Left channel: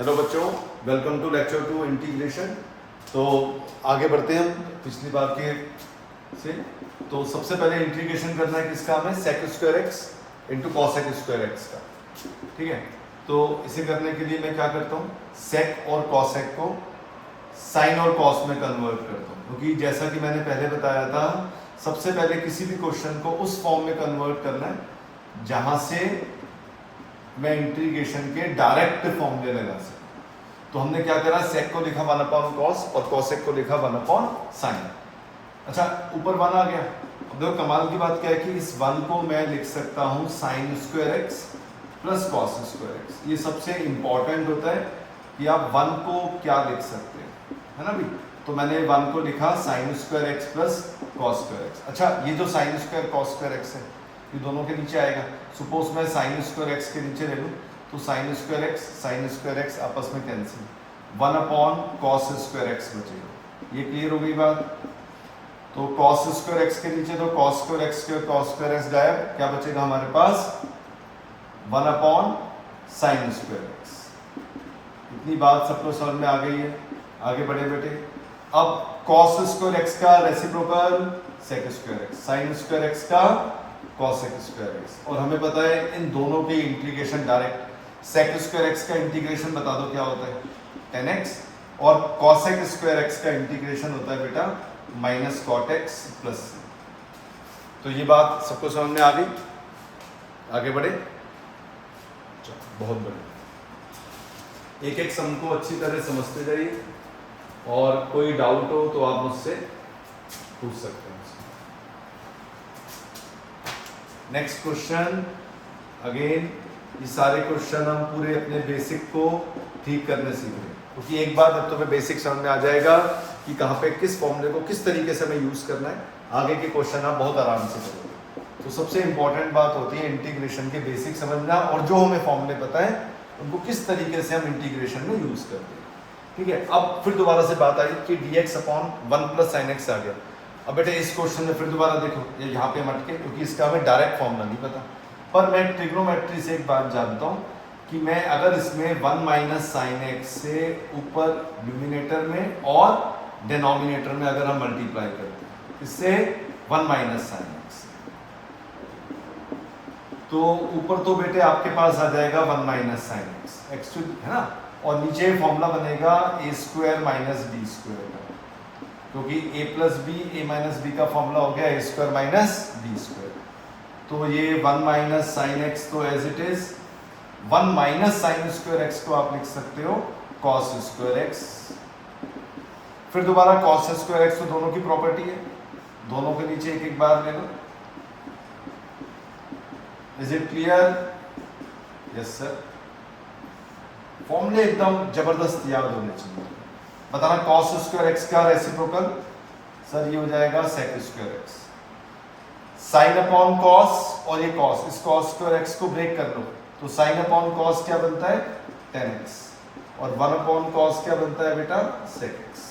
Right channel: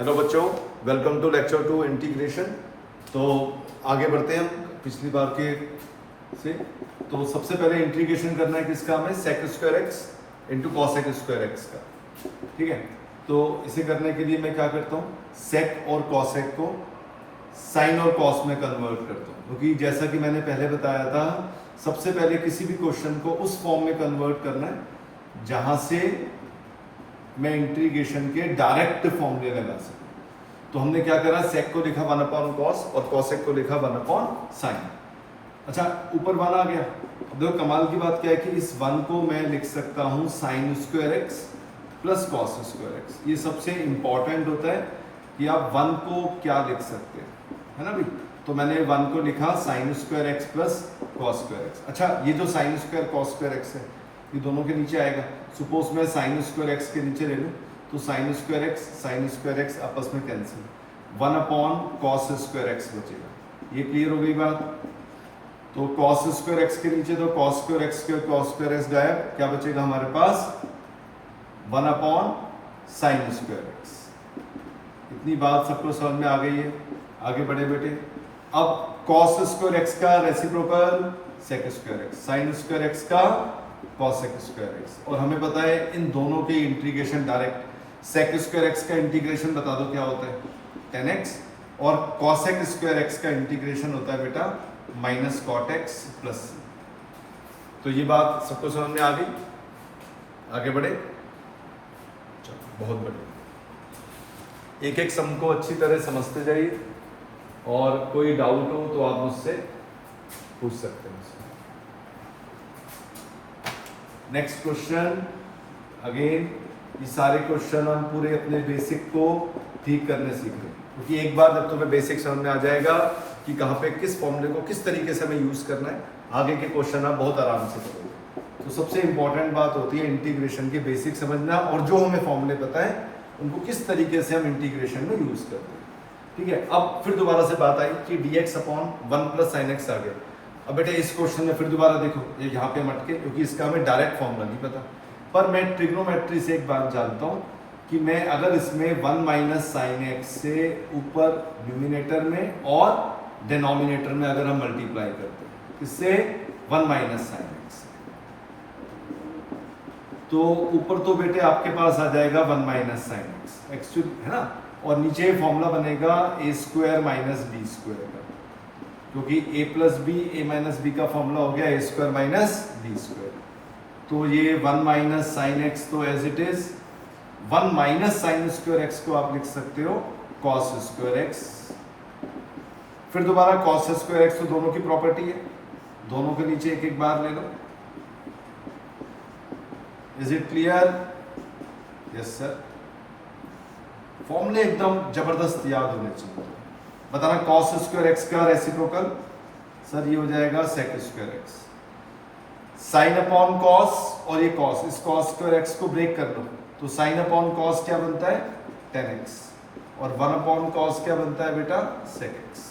Hello बच्चों, welcome to lecture 2 integration. तो आगे बढ़ते हैं हम पिछली बार के से। तो सबसे पहले इंटीग्रेशन करना है किसका, हमें sec square x into cosec square x का। ठीक है, तो इसे करने के लिए मैं क्या करता हूँ, सेक और कॉसेक को साइन और कॉस में कन्वर्ट करता हूँ, क्योंकि जैसा कि मैंने पहले बताया था, सबसे पहले किसी भी क्वेश्चन को उस फॉर्म में कन्वर्ट करना है जहाँ से मैं इंटीग्रेशन के डायरेक्ट फॉर्मूले लगा सकूं। तो हमने क्या करा, सेक को लिखा 1 कॉस और कॉसेक को लिखा 1 साइन। अच्छा, ऊपर 1 आ गया। अब देखो कमाल की बात क्या है कि इस 1 को मैं लिख सकता हूं sign square x plus cos square x. ये सबसे इंपॉर्टेंट होता है कि आप 1 को क्या लिख सकते हैं, है ना भाई। तो मैंने 1 को लिखा sign square x plus cos square x. अच्छा, ये जो sine square cos square x है ये दोनों के नीचे आएगा। सपोज मैं साइन स्क्वायर एक्स के नीचे ले लूँ तो साइन स्क्वायर एक्स आपस में कैंसिल, 1 कॉस स्क्वायर एक्स बचेगा। ये क्लियर हो गई बात। तो कॉस स्क्वायर एक्स के नीचे तो कॉस स्क्वायर एक्स गायब, क्या बचेगा हमारे पास 1 साइन स्क्वायर एक्स। इतनी बात सबको समझ में आ गई है। आगे बढ़े बेटे। अब कॉस स्क्वायर एक्स का reciprocal sec square x, sine square x का कॉसेक स्क्वायर एक्स। और हमें पता है इन दोनों के integration direct, sec square x का इंटीग्रेशन बता दो क्या होता है, tan x, और कॉसेक स्क्वायर एक्स का इंटीग्रेशन होता है बेटा माइनस कॉट एक्स प्लस। तो ये बात सबको समझ में आ गई। आगे बढ़े, बहुत बढ़िया। एक एक सम को अच्छी तरह समझते जाइए और कोई डाउट हो तो आप मुझसे पूछ सकते हैं। Next question. अगेन ये सारे क्वेश्चन हम पूरे अपने बेसिक को ठीक करने सीख रहे हैं, क्योंकि एक बार जब तुम्हें बेसिक समझ में आ जाएगा कि कहाँ पे किस फॉर्मूले को किस तरीके से हमें यूज करना है, आगे के क्वेश्चन आप बहुत आराम से करोगे। तो सबसे इंपॉर्टेंट बात होती है इंटीग्रेशन के बेसिक समझना, और जो हमें फॉर्मूले पता है उनको किस तरीके से हम इंटीग्रेशन में यूज करते हैं। ठीक है, अब फिर दोबारा से बात आई कि dx upon 1 plus sine x आ गया। अब बेटे इस क्वेश्चन में फिर दोबारा देखो, ये यहाँ पे मटके, क्योंकि इसका हमें डायरेक्ट फॉर्मूला नहीं पता, पर मैं ट्रिग्नोमेट्री से एक बात जानता हूँ कि मैं अगर इसमें 1 माइनस साइन एक्स से ऊपर न्यूमिनेटर में और डिनोमिनेटर में अगर हम मल्टीप्लाई करते हैं इससे 1 माइनस साइन एक्स, तो ऊपर तो बेटे आपके पास आ जाएगा 1 माइनस साइन एक्स है ना, और नीचे फॉर्मूला बनेगा a square minus d square का, क्योंकि a plus b a minus b का फॉर्मूला हो गया a square minus b square. तो ये 1 माइनस साइन एक्स तो as it is 1 minus sine square x को आप लिख सकते हो कॉस स्क्वायर एक्स। फिर दोबारा कॉस स्क्वायर एक्स तो दोनों की प्रॉपर्टी है, दोनों के नीचे एक एक बार ले लो। Is it clear? Yes sir. फॉर्मूले एकदम जबरदस्त याद होने चाहिए। बताना कॉस स्क्वायर एक्स का रेसिप्रोकल, सर ये हो जाएगा sec square x. Sine upon cos, और ये कॉस, इस कॉस स्क्वायर एक्स को ब्रेक कर लो तो साइन अपॉन कॉस क्या बनता है tan x, और 1 अपॉन कॉस क्या बनता है बेटा sec x.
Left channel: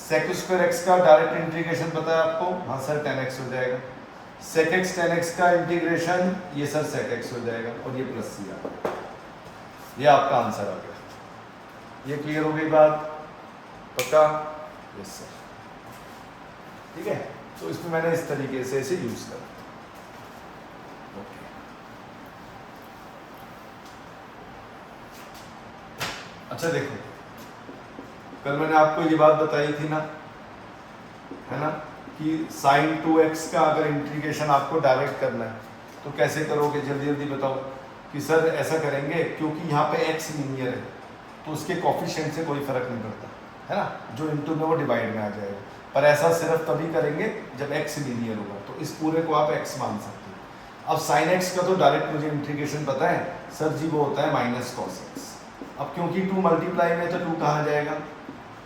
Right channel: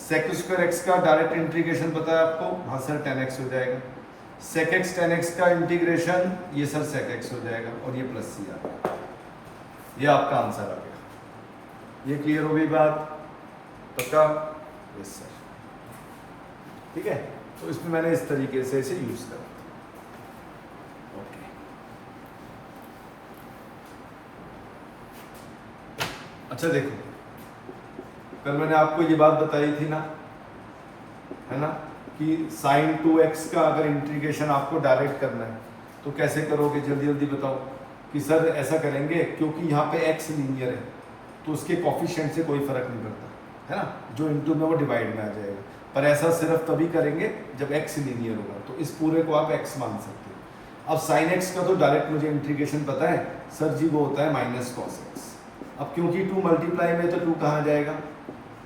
Sec square x का डायरेक्ट इंटीग्रेशन पता है आपको, हाँ सर tan x हो जाएगा। सेक एक्स tan x का इंटीग्रेशन ये सर सेक एक्स हो जाएगा, और ये प्लस सी आ, ये आपका आंसर आ गया। ये क्लियर हो गई बात? पक्का? Yes sir. ठीक है, तो इसमें मैंने इस तरीके से इसे यूज करा। ओके, अच्छा देखो, कल मैंने आपको ये बात बताई थी ना, है ना, कि साइन 2x का अगर इंटीग्रेशन आपको डायरेक्ट करना है तो कैसे करोगे, जल्दी जल्दी बताओ। कि सर ऐसा करेंगे क्योंकि यहाँ पे x लीनियर है तो उसके कॉफिशिएंट से कोई फर्क नहीं पड़ता, है ना, जो इनटू में वो डिवाइड में आ जाएगा। पर ऐसा सिर्फ तभी करेंगे जब x लीनियर होगा, तो इस पूरे को आप x मान सकते हो। अब sin x का तो डायरेक्ट मुझे इंटीग्रेशन पता है, सर जी वो होता है माइनस कॉस एक्स। अब क्योंकि 2 मल्टीप्लाई में तो 2 कहाँ जाएगा,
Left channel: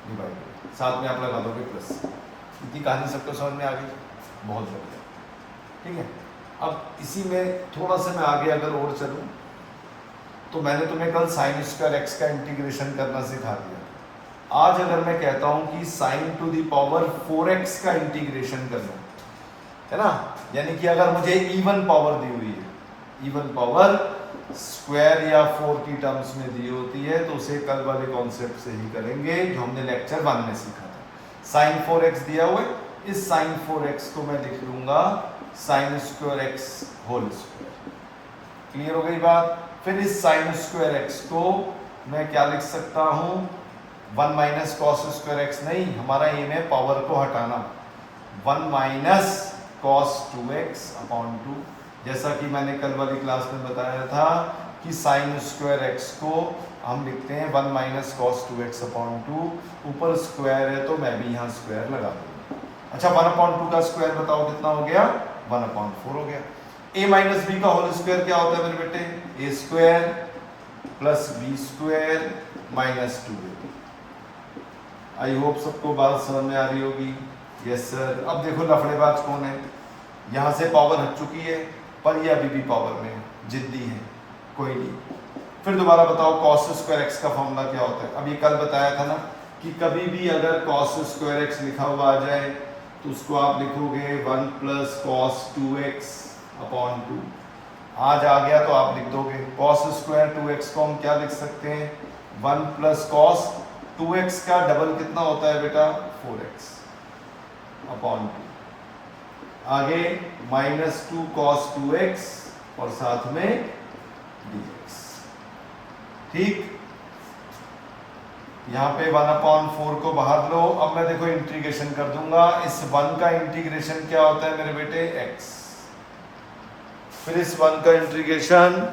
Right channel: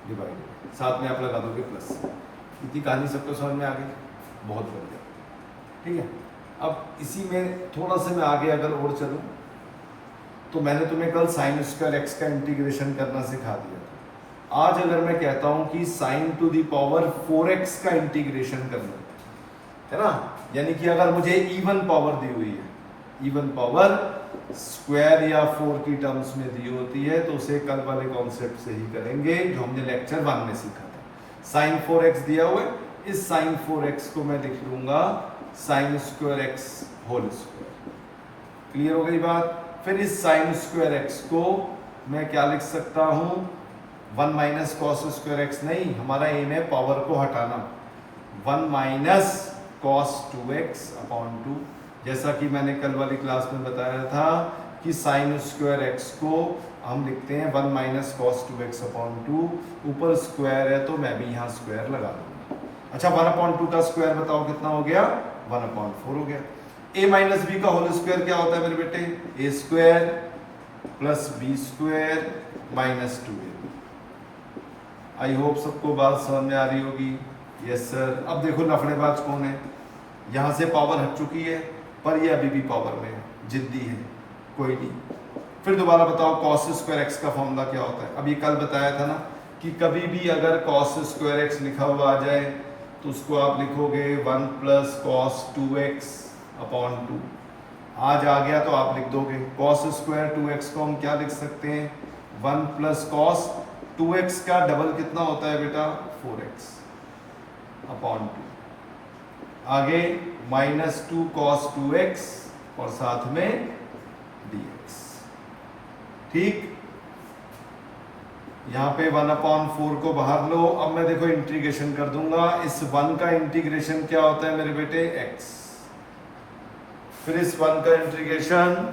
डिवाइड, साथ में आप लगा दोगे प्लस। इतनी कहानी सबको समझ में आ गई, बहुत बढ़िया। ठीक है, अब इसी में थोड़ा सा मैं आगे अगर और चलूँ तो मैंने तुम्हें कल साइन स्क्वायर एक्स का इंटीग्रेशन करना सिखा दिया। आज अगर मैं कहता हूं कि sign to the power 4x का इंटीग्रेशन करना है ना, यानी कि अगर मुझे इवन पावर दी हुई है, इवन पावर स्क्वायर या 4 की टर्म्स में दी होती है तो उसे कल वाले कॉन्सेप्ट से ही करेंगे जो हमने लेक्चर 1 में सीखा था। साइन 4x दिया हुआ है, इस साइन 4x को मैं लिख लूंगा sine square x whole square. Clear हो गई बात। फिर इस साइन स्क्वायर x को मैं क्या लिख सकता हूं, 1 माइनस कॉस स्क्वायर x नहीं, हमारा एम है पावर को हटाना, 1 माइनस कॉस 2x अपॉन 2, जैसा कि मैंने कल वाली क्लास में बताया था कि साइन स्क्वायर x को हम लिखते हैं 1 माइनस कॉस 2x अपॉन 2, ऊपर स्क्वायर है तो मैं भी यहाँ स्क्वायर लगा दूंगा। अच्छा 1 अपॉन 2 का स्क्वायर बताओ कितना हो गया, 1 अपॉन 4 हो गया। a माइनस बी का होल स्क्वायर क्या होता है मेरे बेटे, a स्क्वायर plus b square minus 2। I hope सबको बात समझ में आ रही होगी। Yes sir. अब देखो लफड़ेबाज कौन है, यहाँ से पावर हट चुकी है पर ये अभी भी पावर में है, जिद्दी है, कोई नहीं। फिर दोबारा बताओ cos स्क्वायर x का फॉर्मूला क्या होता है। अभी कल बताया था ना कि कभी भी अगर cos स्क्वायर x लिखा हुआ आ जाए तो उसको आप लिखोगे 1 प्लस कॉस 2x अपॉन 2। आज आ गया तो आप लिख दोगे cos स्क्वायर 2x को हम क्या लिख सकते हैं, 1 प्लस कॉस 2x का डबल कितना होता है बेटा, 4x अपॉन 2। आगे माइनस 2 कॉस 2x और साथ में dx। ठीक, यहां पे 1 अपॉन 4 को बाहर लो। अब मैं देखो इंटीग्रेशन कर दूंगा, इस 1 का इंटीग्रेशन क्या होता है मेरे बेटे, x। फिर इस 1 का इंटीग्रेशन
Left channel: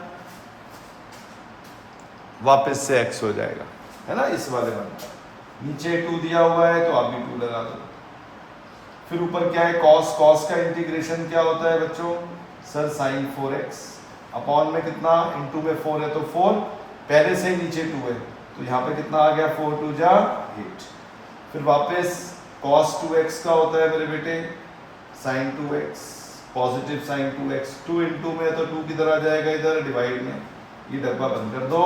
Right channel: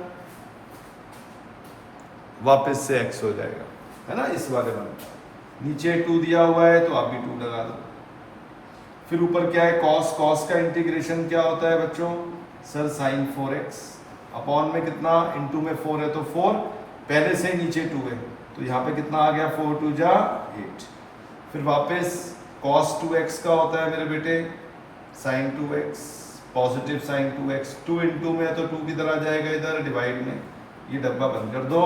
वापस से x हो जाएगा, है ना, इस वाले 1 का। नीचे 2 दिया हुआ है तो आप भी 2 लगा लो। फिर ऊपर क्या है, cos, cos का इंटीग्रेशन क्या होता है बच्चों, सर साइन 4x अपॉन में कितना, इनटू में 4 है तो 4, पहले से ही नीचे 2 है तो यहाँ पे कितना आ गया, 4 2 जा 8। फिर वापस cos 2x का होता है मेरे बेटे sign 2x, positive sign 2x, 2 into में तो 2 किधर आ जाएगा, इधर डिवाइड में, ये डब्बा बंद कर दो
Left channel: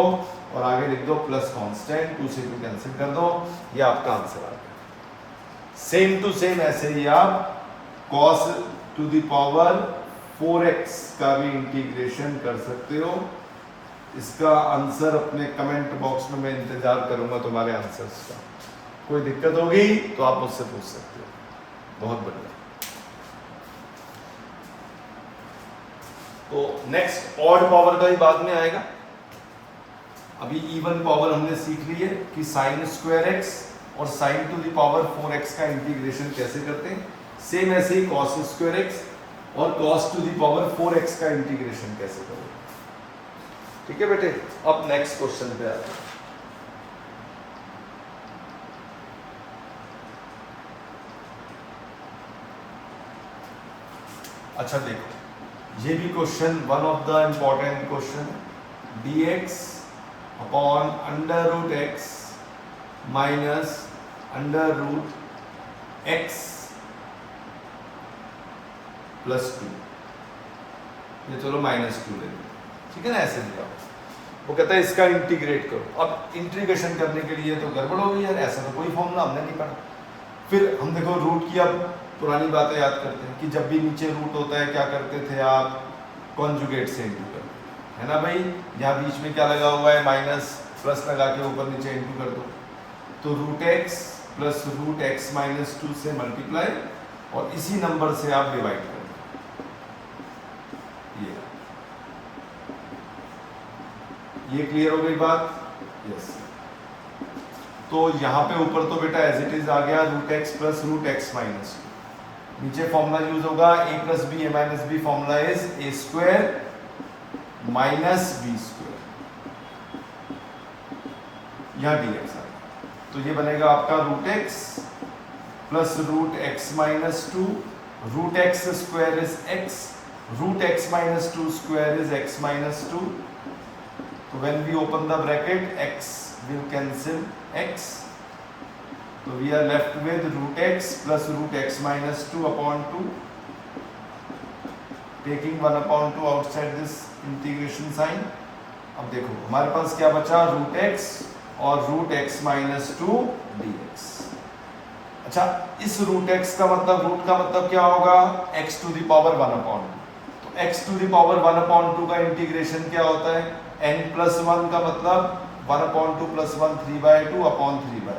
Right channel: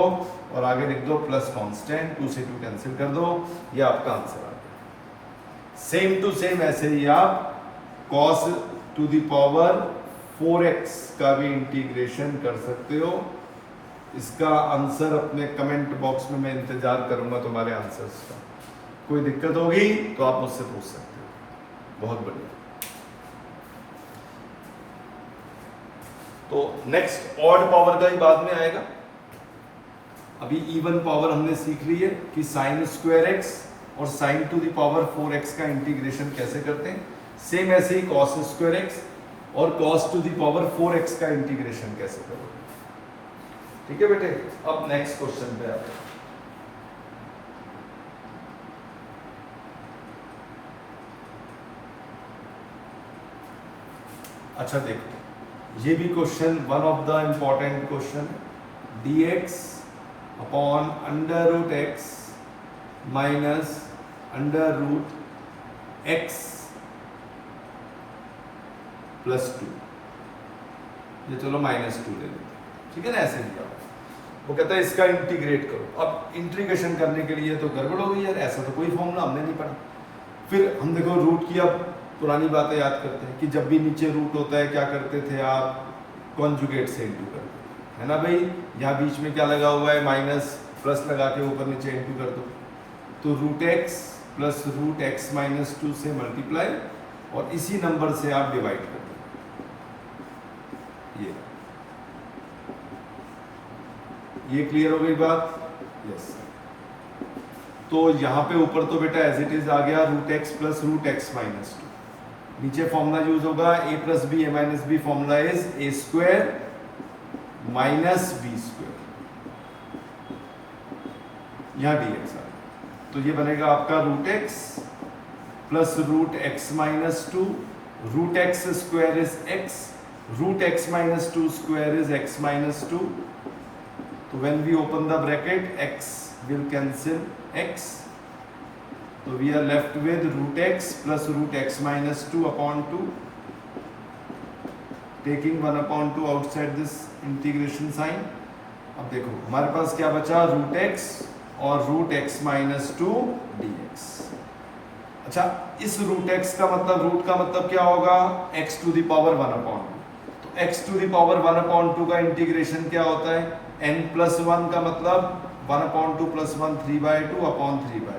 और आगे लिख दो प्लस कांस्टेंट, 2 से 2 कैंसिल कर दो, ये आपका आंसर आ गया। सेम टू सेम ऐसे ही आप cos to the power 4x का भी इंटीग्रेशन कर सकते हो। इसका आंसर अपने कमेंट बॉक्स में मैं इंतजार करूंगा तुम्हारे आंसर्स का। कोई दिक्कत होगी तो आप मुझसे पूछ सकते हो। बहुत बढ़िया। तो नेक्स्ट ऑड पावर का ही बाद में आएगा। अभी इवन पावर हमने सीख ली है कि साइन स्क्वायर x और sine to the power 4x का इंटीग्रेशन कैसे करते हैं। सेम ऐसे ही cos स्क्वायर x और cos to the power 4x का इंटीग्रेशन कैसे करोगे। ठीक है बेटे। अब नेक्स्ट क्वेश्चन पे आते हैं। अच्छा देखो, ये भी question one of the important question, dx upon under root x minus under root x plus 2, ये चलो -2 ले लो, ठीक है ना, ऐसे दिया। वो कहता है इसका इंटीग्रेट करो। अब इंटीग्रेशन करने के लिए तो गड़बड़ हो गई यार, ऐसा तो कोई फॉर्मूला हमने नहीं पढ़ा। फिर हम देखो रूट की अब पुरानी बातें याद करते हैं कि जब भी नीचे रूट होता है क्या करते थे आप, कॉन्जुगेट से इंटू करते, है ना भाई। यहाँ बीच में क्या लगा हुआ है, माइनस प्लस लगा के ऊपर नीचे इंटू कर दो, तो root x plus root x minus 2 से मल्टीप्लाई और इसी नंबर से आप डिवाइड कर दो। ये क्लियर हो गई बात। यस। तो यहाँ पे ऊपर तो बेटा एज इट इज आ गया root x plus root x minus 2। नीचे फॉर्मूला यूज होगा a plus b, a minus b, formula is a square minus b square, यहाँ dx है। तो ये बनेगा आपका root x plus root x minus 2, root x square is x, root x minus 2 square is x minus 2। तो when we open the bracket, x will cancel x, so we are left with root x plus root x minus 2 upon 2, taking 1 upon 2 outside this integration sign। अब देखो हमारे पास क्या बचा, root x और root x minus 2 dx। अच्छा, इस root x का मतलब, रूट का मतलब क्या होगा, x to the power 1 upon 2। तो x टू द पावर 1/2 का इंटीग्रेशन क्या होता है, n+1 का मतलब 1/2 + 1 3/2/3/2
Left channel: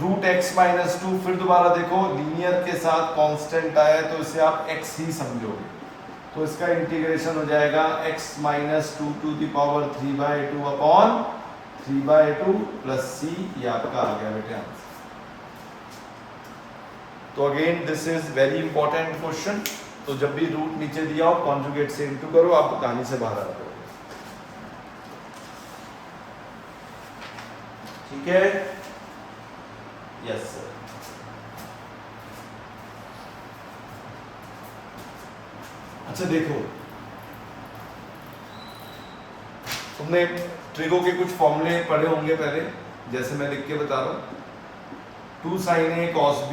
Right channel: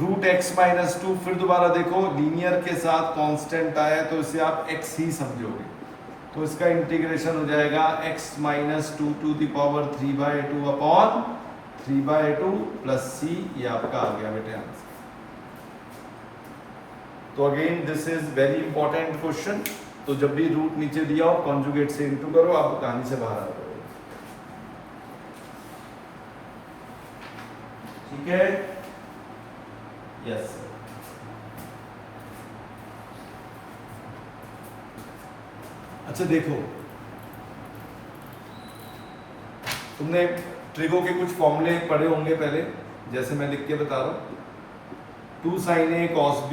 √x-2। फिर दोबारा देखो लीनियर के साथ कांस्टेंट आया तो इसे आप x ही समझोगे, तो इसका इंटीग्रेशन हो जाएगा x-2 to the power 3/2/3/2 plus c। ये आपका आ गया बेटे आंसर। तो again this is very important question. तो जब भी रूट नीचे दिया हो कॉन्जुगेट से इनटू करो, आप कहानी से बाहर आ जाओगे। ठीक है, यस सर। अच्छा देखो, तुमने ट्रिगो के कुछ फॉर्मूले पढ़े होंगे पहले, जैसे मैं लिख के बता रहा हूं, 2 sin A cos B।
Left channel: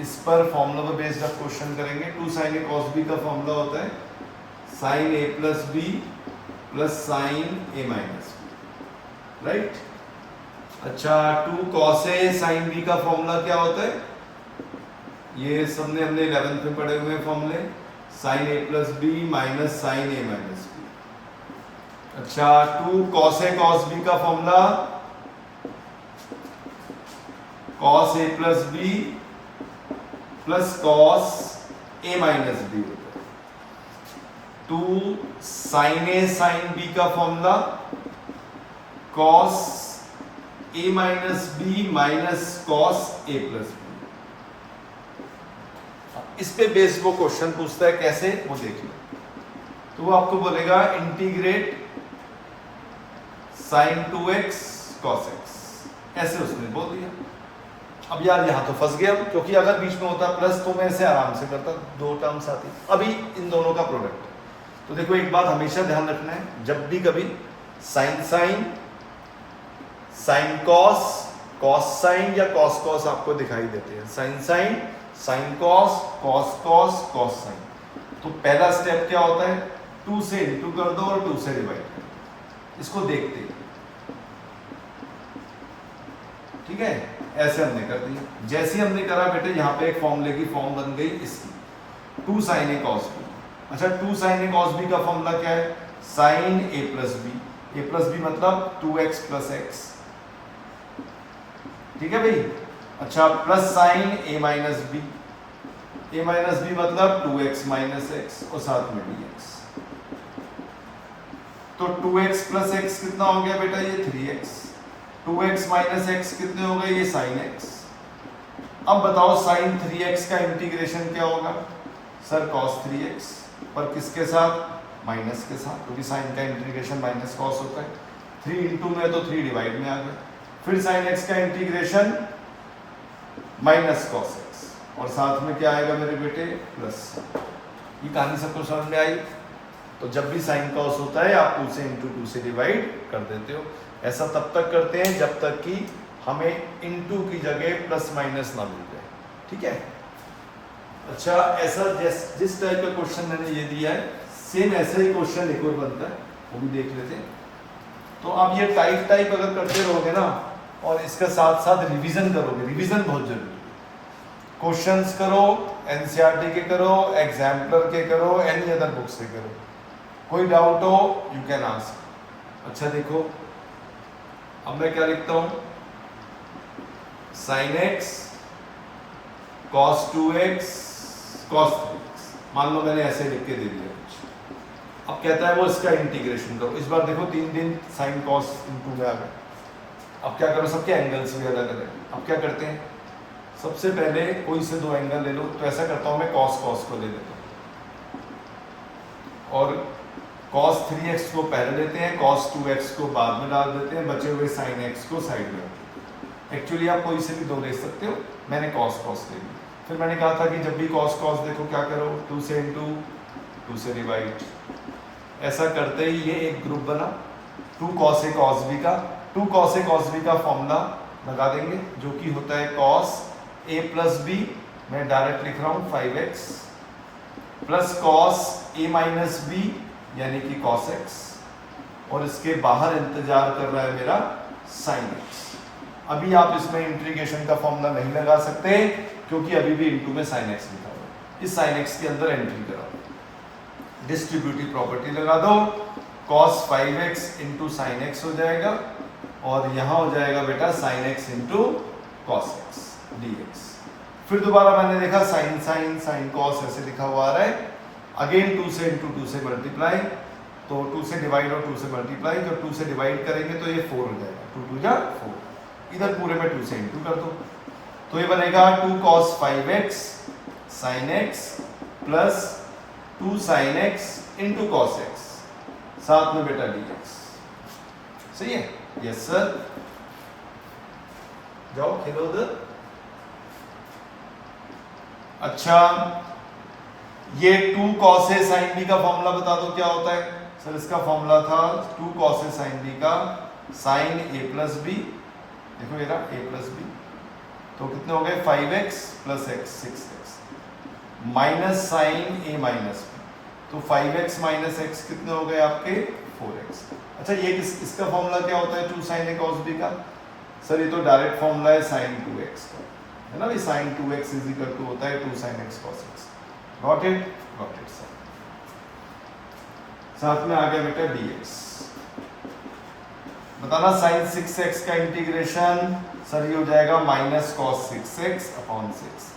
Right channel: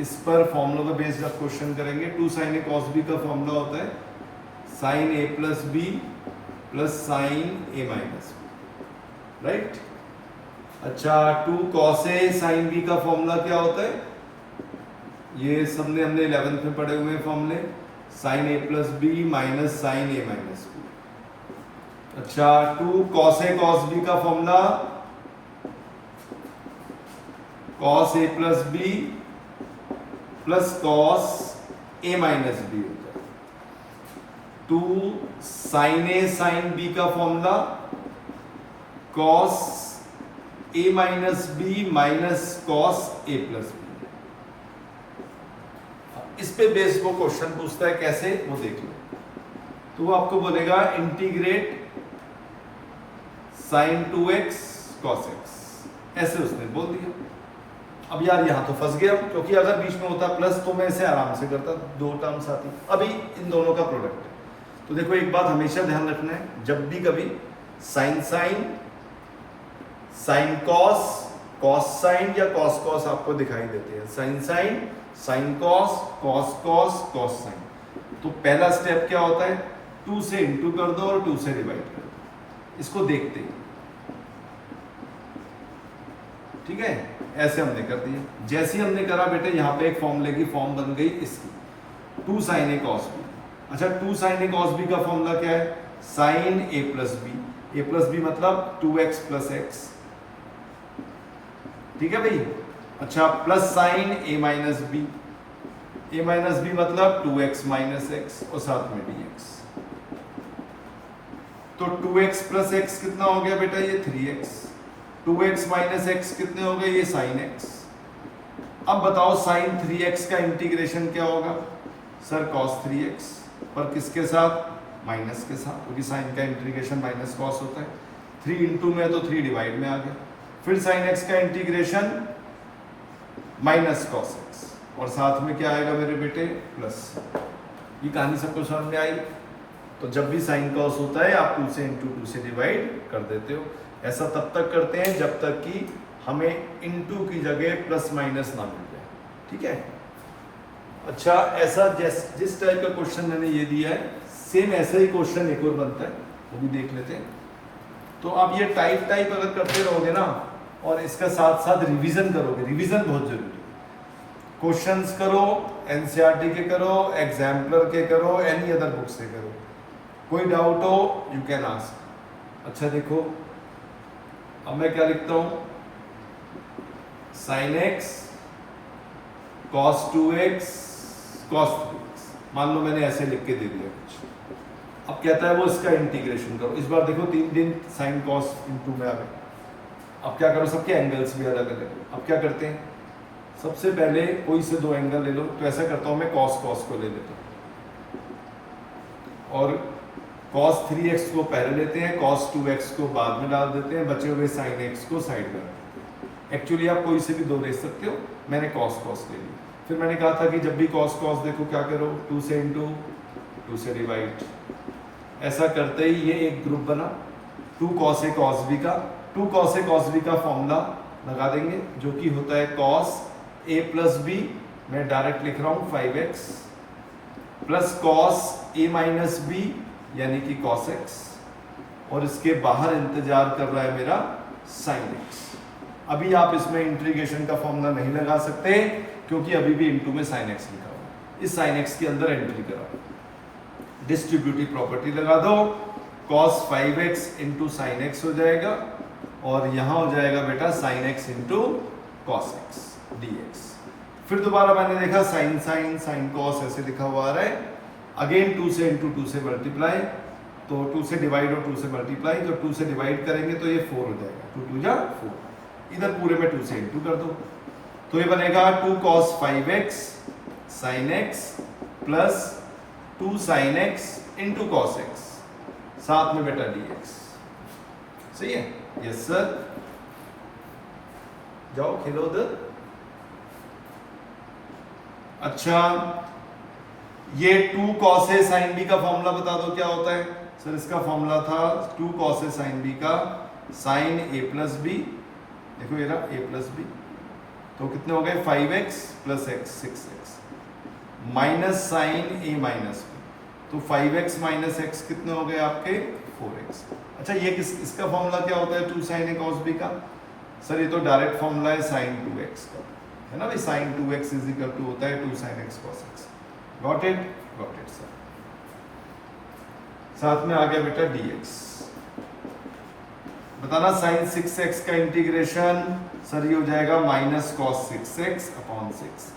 इस पर फॉर्मूला पे बेस्ड आप क्वेश्चन करेंगे। 2 sin A cos B का फॉर्मूला होता है sin A plus B plus sin A minus B, right. अच्छा 2 cos A sin B का फॉर्मूला क्या होता है, ये सबने हमने 11th में पढ़े हुए फॉर्मूले, sin A plus B minus sin A minus B। अच्छा 2 cos A cos B का formula cos A plus B plus cos A minus B होता है। 2 sin A sin B का formula cos A minus B minus cos A plus B। इस पे base वो question पूछता है, कैसे वो देख लो। तो वो आपको बोलेगा integrate sin 2x cos x, ऐसे उसने बोल दिया। अब यार यहाँ तो फंस गया, क्योंकि अगर बीच में होता प्लस तो मैं इसे आराम से करता, 2 टर्म्स आती। अभी इन दोनों का प्रोडक्ट। तो देखो एक बात हमेशा ध्यान रखना है, जब भी कभी sin sin sin cos cos sin या cos cos आपको दिखाई देते हैं, sin sin sin cos cos cos cos sin। तो पहला स्टेप क्या होता है, 2 से इंटू कर दो और 2 से डिवाइड कर दो, इसको देखते हैं। ठीक है, ऐसे हमने कर दिया। जैसे हमने करा बेटे, यहाँ पे एक फॉर्मूले की फॉर्म बन गई इसकी, 2 sin A cos B। अच्छा 2 sin A cos B का फॉर्मूला क्या है, sin A plus B। A plus B मतलब 2x प्लस x, ठीक है भाई। अच्छा plus sin A minus B। A minus B मतलब 2x माइनस x और साथ में dx। तो 2x प्लस x कितना हो गया बेटा, ये 3x। 2x माइनस x कितने हो गए, ये sin x। अब बताओ sin 3x का इंटीग्रेशन क्या होगा, सर cos 3x, पर किसके साथ, माइनस के साथ, क्योंकि sin का इंटीग्रेशन माइनस cos होता है। 3 इंटू में तो 3 डिवाइड में आ गया। फिर sin x का इंटीग्रेशन माइनस cos x, और साथ में क्या आएगा मेरे बेटे, प्लस। ये कहानी सबको समझ में आई। तो जब भी sin cos होता है आप 2 से इंटू 2 से डिवाइड कर देते हो। ऐसा तब तक करते हैं जब तक कि हमें इंटू की जगह प्लस माइनस ना मिल जाए, ठीक है। अच्छा ऐसा जिस टाइप का क्वेश्चन मैंने ये दिया है, सेम ऐसा ही क्वेश्चन एक और बनता है, वो भी देख लेते हैं। तो आप ये टाइप अगर करते रहोगे ना, और इसके साथ साथ रिवीजन करोगे, रिवीजन बहुत जरूरी है। क्वेश्चंस करो, एनसीईआरटी के करो, एग्जाम्पलर के करो, एनी अदर बुक से करो। कोई डाउट हो यू कैन आस्क। अच्छा देखो, अब मैं क्या लिखता हूं, sin x cos 2x cos 3x। मान लो मैंने ऐसे लिख के दे दिया कुछ। अब कहता है वो इसका इंटीग्रेशन करो। इस बार देखो 3 दिन sin cos इंटू में आ गया। अब क्या करो, सबके एंगल्स भी अलग अलग। अब क्या करते हैं, सबसे पहले कोई से 2 एंगल ले लो। तो ऐसा करता हूं मैं cos cos को ले लेता हूं, और cos 3x को पहले लेते हैं, cos 2x को बाद में डाल देते हैं, बचे हुए sin x को साइड में। एक्चुअली आप कोई से भी 2 ले सकते हो, मैंने cos cos ले लिया। फिर मैंने कहा था कि जब भी cos cos देखो क्या करो, 2 से इंटू 2 से डिवाइड। ऐसा करते ही ये एक ग्रुप बना 2 cos A cos B का। 2 cos A cos B का फॉर्मूला लगा देंगे, जो कि होता है cos A प्लस B, मैं डायरेक्ट लिख रहा हूँ 5x plus cos A minus B यानी कि cos x, और इसके बाहर इंतजार कर रहा है मेरा sin x। अभी आप इसमें इंटीग्रेशन का फॉर्मूला नहीं लगा सकते, क्योंकि अभी भी इंटू में sin x लिखा हुआ है। इस साइन एक्स के अंदर एंट्री करा, डिस्ट्रीब्यूटिव प्रॉपर्टी लगा दो, cos 5x into sine x हो जाएगा और यहाँ हो जाएगा बेटा sine x into cos x dx। फिर दोबारा मैंने देखा साइन साइन साइन कॉस ऐसे लिखा हुआ आ रहा है, अगेन 2 से इंटू 2 से मल्टीप्लाई, तो 2 से डिवाइड और 2 से मल्टीप्लाई, तो 2 से डिवाइड करेंगे तो ये 4 हो जाएगा, 2 2 जा 4, इधर पूरे में 2 से इंटू कर दो, तो ये बनेगा 2 cos 5x sin x plus 2 sin x into cos x, साथ में बेटा dx। सही है? यस सर, जाओ खेलो उधर। अच्छा, ये 2 cos a sin b का फॉर्मूला बता दो क्या होता है सर? इसका फॉर्मूला था 2 cos a sin b का sin a प्लस b, देखो ये रहा a प्लस b, तो कितने हो गए 5x plus x 6x minus sine a minus b, तो 5x माइनस x कितने हो गए आपके 4x। अच्छा, ये इसका फॉर्मूला क्या होता है 2 sin a cos b का? सर ये तो डायरेक्ट फॉर्मूला है sin 2x का, है ना भाई, sin 2x is equal to होता है 2 sin x cos x। Got it? Got it sir. साथ में आ गया बेटा dx। बताना sin 6x का इंटीग्रेशन सर ये हो जाएगा minus cos 6x upon 6।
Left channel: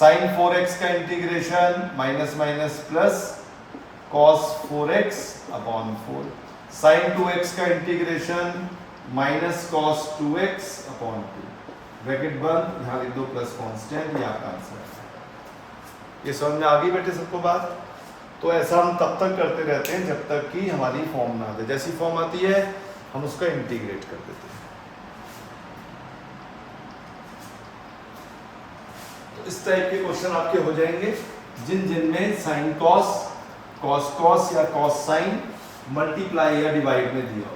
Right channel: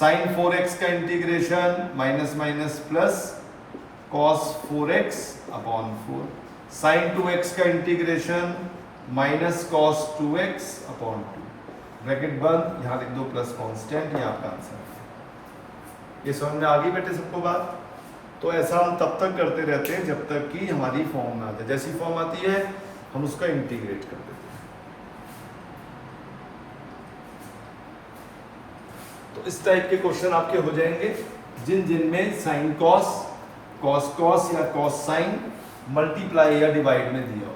sin 4x का integration minus minus plus cos 4x upon 4। sin 2x का integration minus cos 2x upon 2। Bracket बंद, यहाँ लिख दो प्लस कांस्टेंट, ये आपका आंसर है। ये समझ में आ गई बेटे सबको बात? तो ऐसा हम तब तक करते रहते हैं जब तक कि हमारी फॉर्म ना आ जाए, जैसी फॉर्म आती है हम उसका इंटीग्रेट कर देते हैं। तो इस टाइप के क्वेश्चन आपके हो जाएंगे जिनमें साइन कॉस, कॉस कॉस या कॉस साइन मल्टीप्लाई या डिवाइड में दिया हो।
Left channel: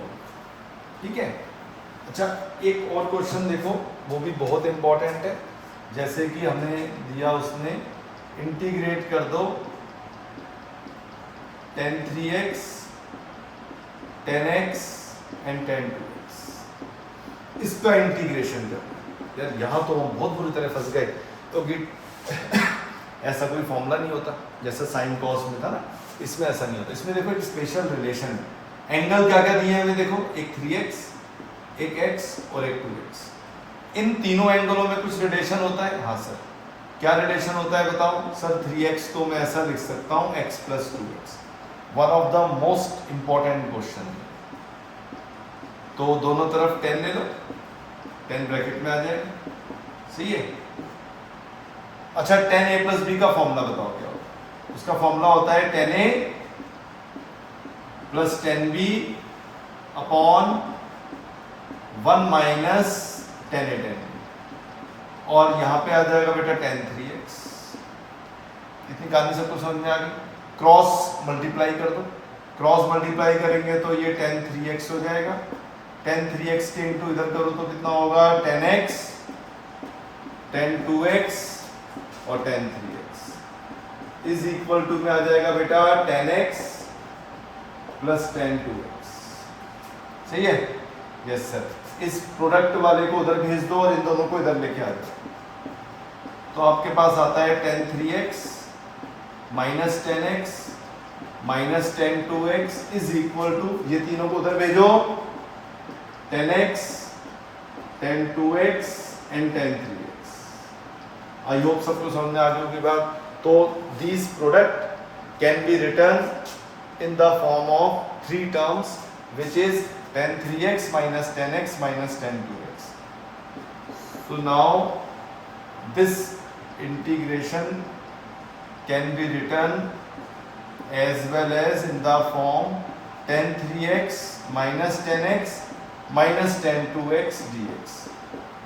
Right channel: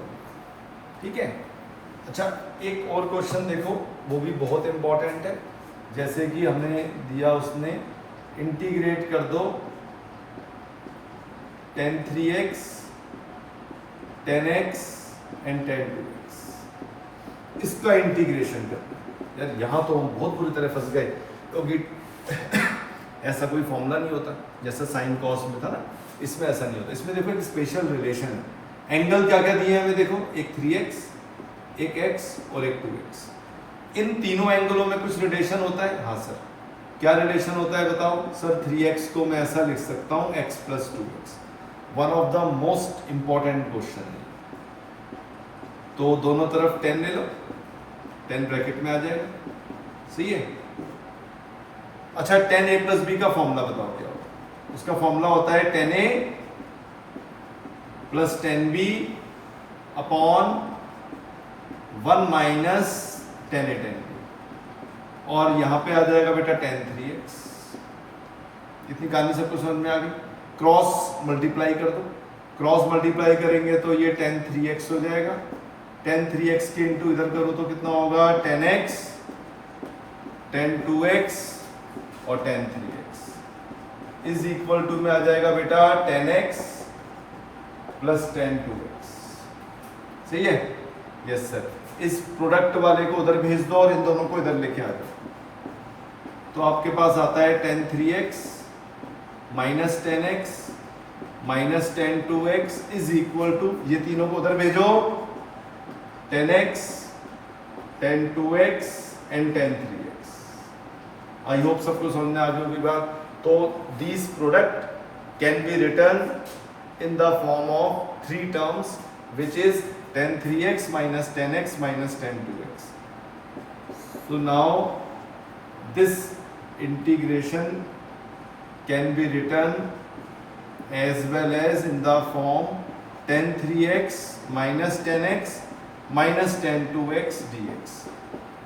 ठीक है? अच्छा, एक और क्वेश्चन देखो, वो भी बहुत इंपॉर्टेंट है। जैसे कि हमें दिया उसने इंटीग्रेट कर दो tan 3x, tan x and tan 2x, इसका इंटीग्रेशन करना। यार यहाँ तो हम बहुत बुरी तरह फंस गए, क्योंकि ऐसा कोई फॉर्मूला नहीं होता जैसे साइन कॉस में था ना, इसमें ऐसा नहीं होता। इसमें देखो एक स्पेशल रिलेशन है। एंगल क्या क्या दिए हमें देखो, एक 3x, एक x और एक 2x। इन तीनों एंगलों में कुछ रिलेशन होता है? हाँ सर। क्या रिलेशन होता है बताओ सर? 3x को मैं ऐसा लिख सकता हूँ x plus 2x, one of the most important question है। तो दोनों तरफ 10 ले लो, 10 ब्रैकेट में आ जाएगा। सही है? अच्छा, tan a प्लस b का फॉर्मूला बताओ क्या होता है? उसका फॉर्मूला होता है tan a plus tan b upon 1 minus tan a tan b, और यहाँ पे आ जाएगा बेटा tan 3x। इतनी कहानी सबको समझ में आ गई? क्रॉस मल्टीप्लाई कर दो, क्रॉस मल्टीप्लाई करेंगे तो ये tan 3x हो जाएगा। tan 3x के इंटू इधर करो तो कितना होगा? tan x, tan 2x और tan 3x is equal to में आ जाएगा बेटा tan x plus tan 2x। सही है? Yes sir. इस प्रोडक्ट वाले को उधर भेज दो और इन दोनों को इधर लेके आ जाओ, तो आपके पास आता है tan 3x minus tan x minus tan 2x is equal to, ये तीनों को उधर भेजो, tan x, tan 2x and tan 3x। I hope सबको समझ में आ गई होगी बात। तो this product can be written in the form of 3 terms, which is tan 3x minus tan x minus tan 2x. So now this integration can be written as well as in the form tan 3x minus tan x minus tan 2x dx.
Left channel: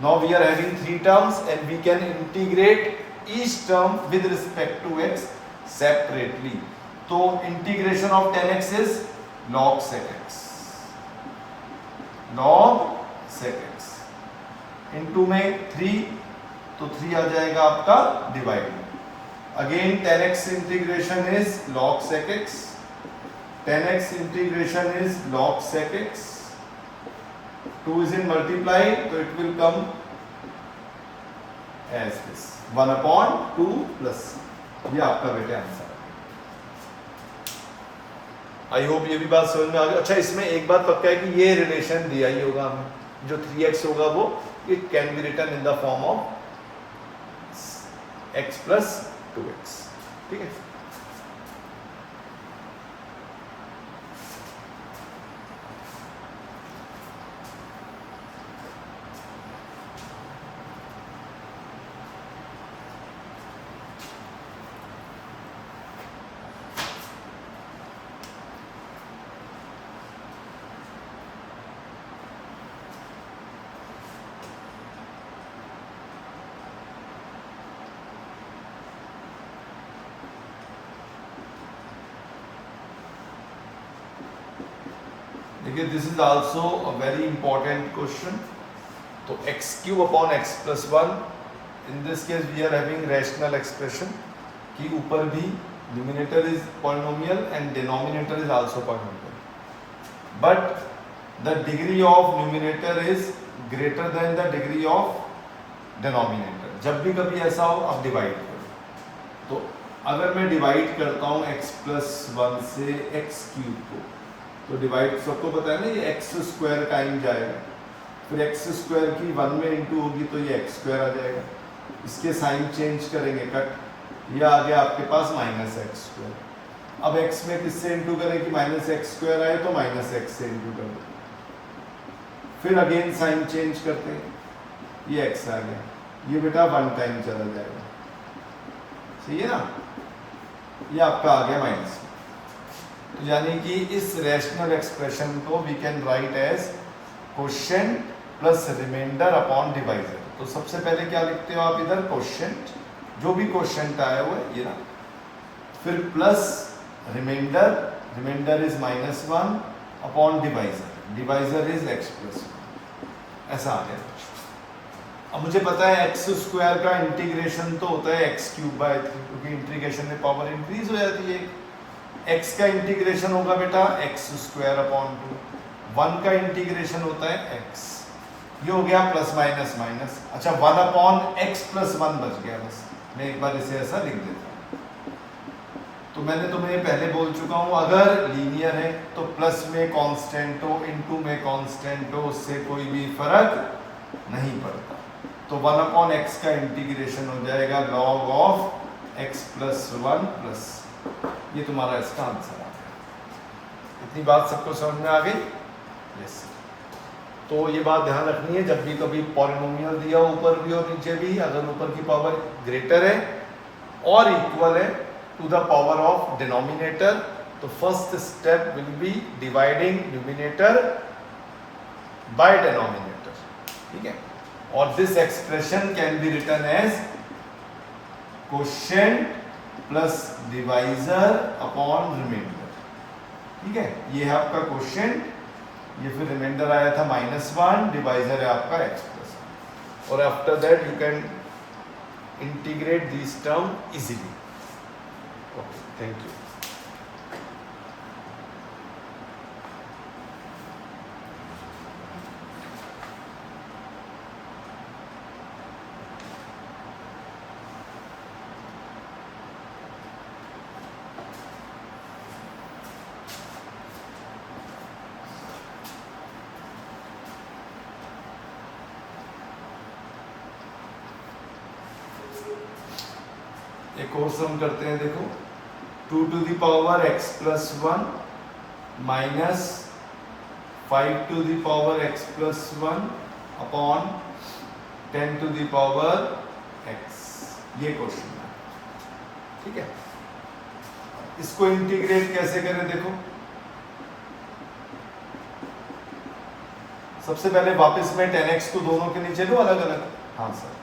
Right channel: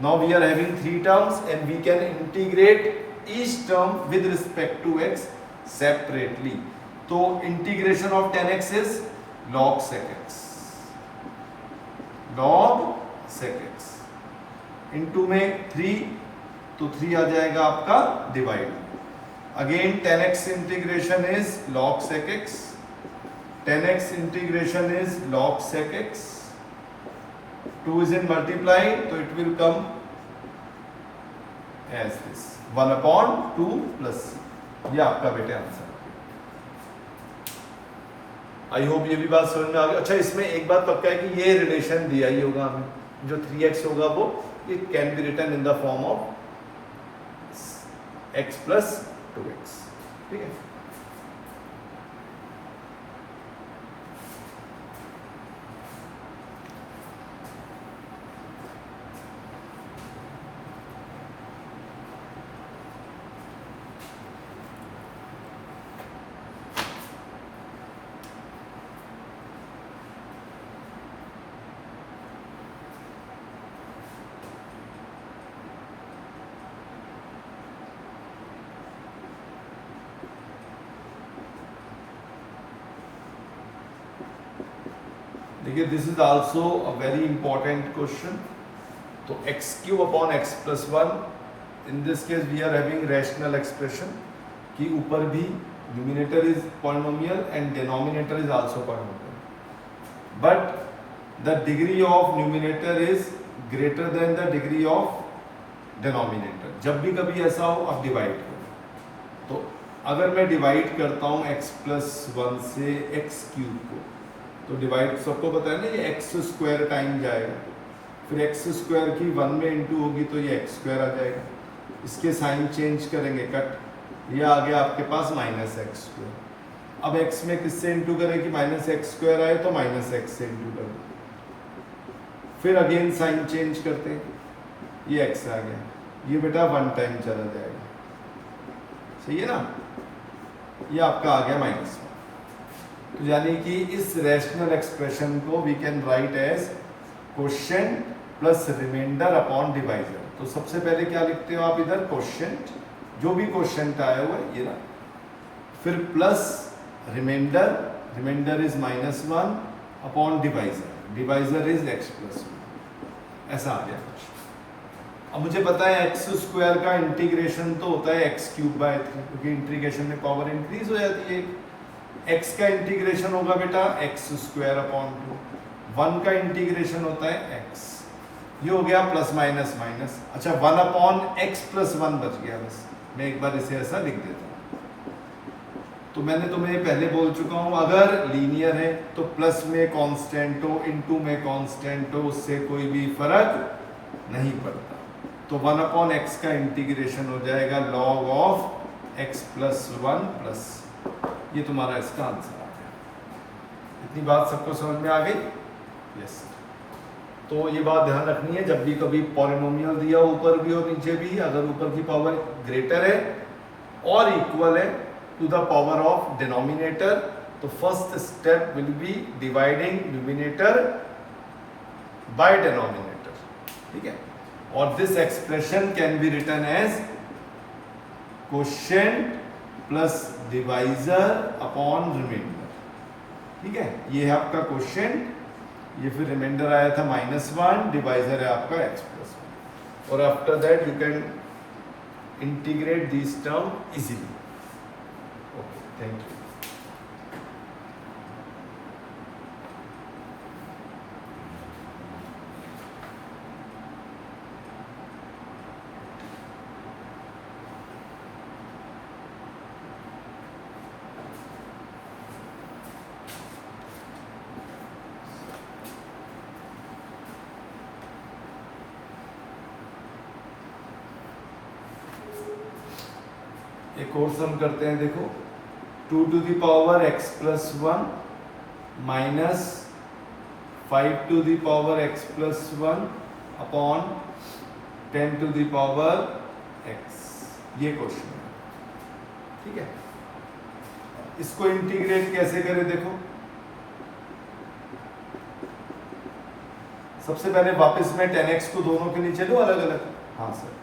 Now we are having 3 terms and we can integrate each term with respect to x separately. तो integration of tan x is log sec x, log sec x into में 3, तो 3 आ जाएगा आपका divide. Again tan x integration is log sec x, tan x integration is log sec x, 2 is in multiply, तो it will come as this 1/2 plus c। ये आपका बेटे answer. I hope ये भी बात समझ में आ गई। अच्छा, इसमें एक बात पक्का है कि ये रिलेशन दिया ही होगा हमें, जो 3x होगा वो it can be written in the form of x plus 2x। ठीक है, देखिए this is also a very important question. तो x cube upon x plus 1, in this case we are having rational expression कि ऊपर भी numerator is polynomial and denominator is also polynomial, but the degree of numerator is greater than the degree of denominator. जब भी कभी ऐसा हो आप divide करो। तो अगर मैं डिवाइड करता हूँ x प्लस 1 से एक्स क्यूब को, तो डिवाइड सबको पता है ना, ये एक्स स्क्वायर टाइम जाएगा, फिर एक्स स्क्वायर की 1 में इंटू होगी तो ये एक्स स्क्वायर आ जाएगा। इसके साइन चेंज करेंगे कट, ये आ गया आपके पास माइनस एक्स स्क्वायर। अब x में किससे इंटू करें कि माइनस एक्स स्क्वायर आए, तो माइनस एक्स से इंटू कर दो, फिर अगेन साइन चेंज करते हैं, ये x आ गया, ये बेटा 1 टाइम चला जाएगा। सही है ना, ये आपका आ गया माइनस। तो यानी कि इस रैशनल एक्सप्रेशन को we can write as quotient plus remainder upon divisor. तो सबसे पहले क्या लिखते हो आप इधर, कोशेंट, जो भी कोशेंट आया हुआ है ये ना, फिर plus remainder, remainder is -1 upon divisor, divisor is x plus 1, ऐसा आ गया। अब मुझे पता है एक्स स्क्वायर का इंटीग्रेशन तो होता है x क्यूब बाय 3, क्योंकि इंटीग्रेशन में पावर इंक्रीज हो जाती है। x का इंटीग्रेशन होगा बेटा एक्स स्क्वायर अपॉन 2, 1 का इंटीग्रेशन होता है x, ये हो गया प्लस माइनस माइनस। अच्छा, 1 अपॉन एक्स प्लस 1 बच गया, बस मैं एक बार इसे ऐसा लिख देता हूँ। तो मैंने तुम्हें पहले बोल चुका हूँ, अगर लीनियर है तो प्लस में कांस्टेंट हो, इनटू में कांस्टेंट हो, उससे कोई भी फर्क नहीं पड़ता। तो 1 अपॉन एक्स का इंटीग्रेशन हो जाएगा log of x plus 1 plus, ये तुम्हारा इसका आंसर आ गया। इतनी बात सबको समझ में आ गई? यस। तो ये बात ध्यान रखनी है, जब भी कभी पॉलिनोमियल दिया ऊपर भी और नीचे भी, अगर ऊपर की पावर ग्रेटर है और इक्वल है to the power of denominator, तो first step will be dividing numerator by denominator. ठीक है, और this expression can be written as quotient plus divisor upon remainder. ठीक है, ये है आपका कोशेंट, ये फिर रिमाइंडर आया था -1, डिवाइजर है आपका x प्लस 1, और after that you can integrate this term easily. Okay, thank you. एक और सम करते हैं, देखो 2 to the power x plus 1 minus 5 to the power x plus 1 upon 10 to the power x, ये question है। ठीक है, इसको इंटीग्रेट कैसे करें, देखो सबसे पहले वापस में 10x को दोनों के नीचे लो अलग अलग। हाँ सर,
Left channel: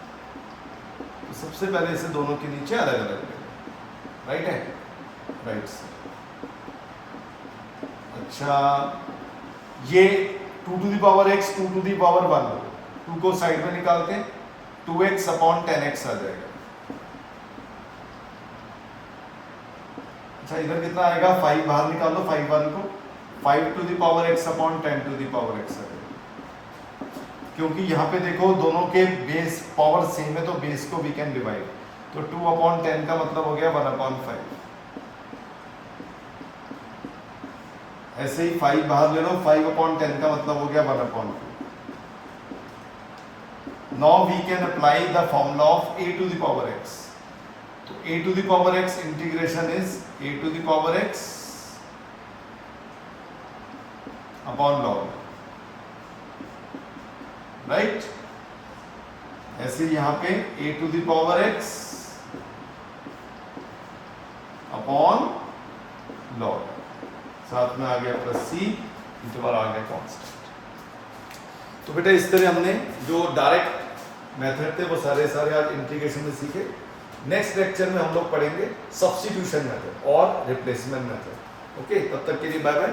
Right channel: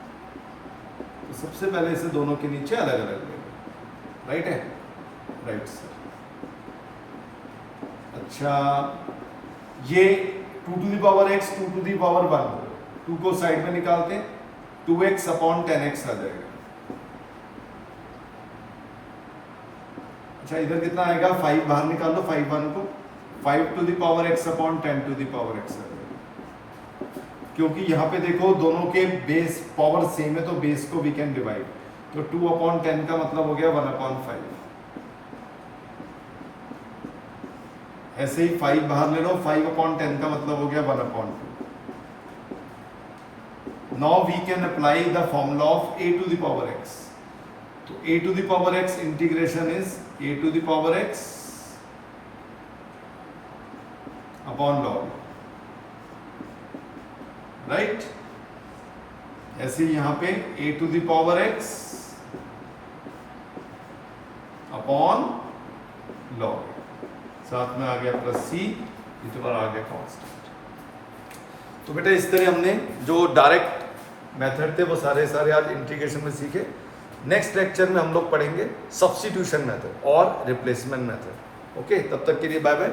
तो सबसे पहले इसे दोनों के नीचे अलग अलग ले, राइट है, राइट सर। अच्छा, ये 2 to the power x 2 to the power 1, 2 को साइड में निकालते हैं, 2x अपॉन 10x आ जाएगा। अच्छा, इधर कितना आएगा, 5 बाहर निकालो, 5 1 को, 5 to the power x upon 10 to the power x आ जाएगा। क्योंकि यहाँ पे देखो दोनों के बेस पावर सेम है, तो बेस को वी कैन डिवाइड, तो 2/10 का मतलब हो गया 1/5। ऐसे ही 5 बाहर ले लो, 5/10 का मतलब हो गया 1/2। Now we can apply the formula of a to the power x। तो a to the power x integration is a to the power x upon log, right. ऐसे यहां पे a to the power x upon log, साथ में आ गया plus c, interval आ गया constant. तो बेटा इस तरह हमने जो डायरेक्ट मेथड थे वो सारे आज इंटीग्रेशन में सीखे। नेक्स्ट लेक्चर में हम लोग पढ़ेंगे सब्स्टिट्यूशन मेथड और रिप्लेसमेंट मेथड। ओके, तब तक के लिए बाय बाय।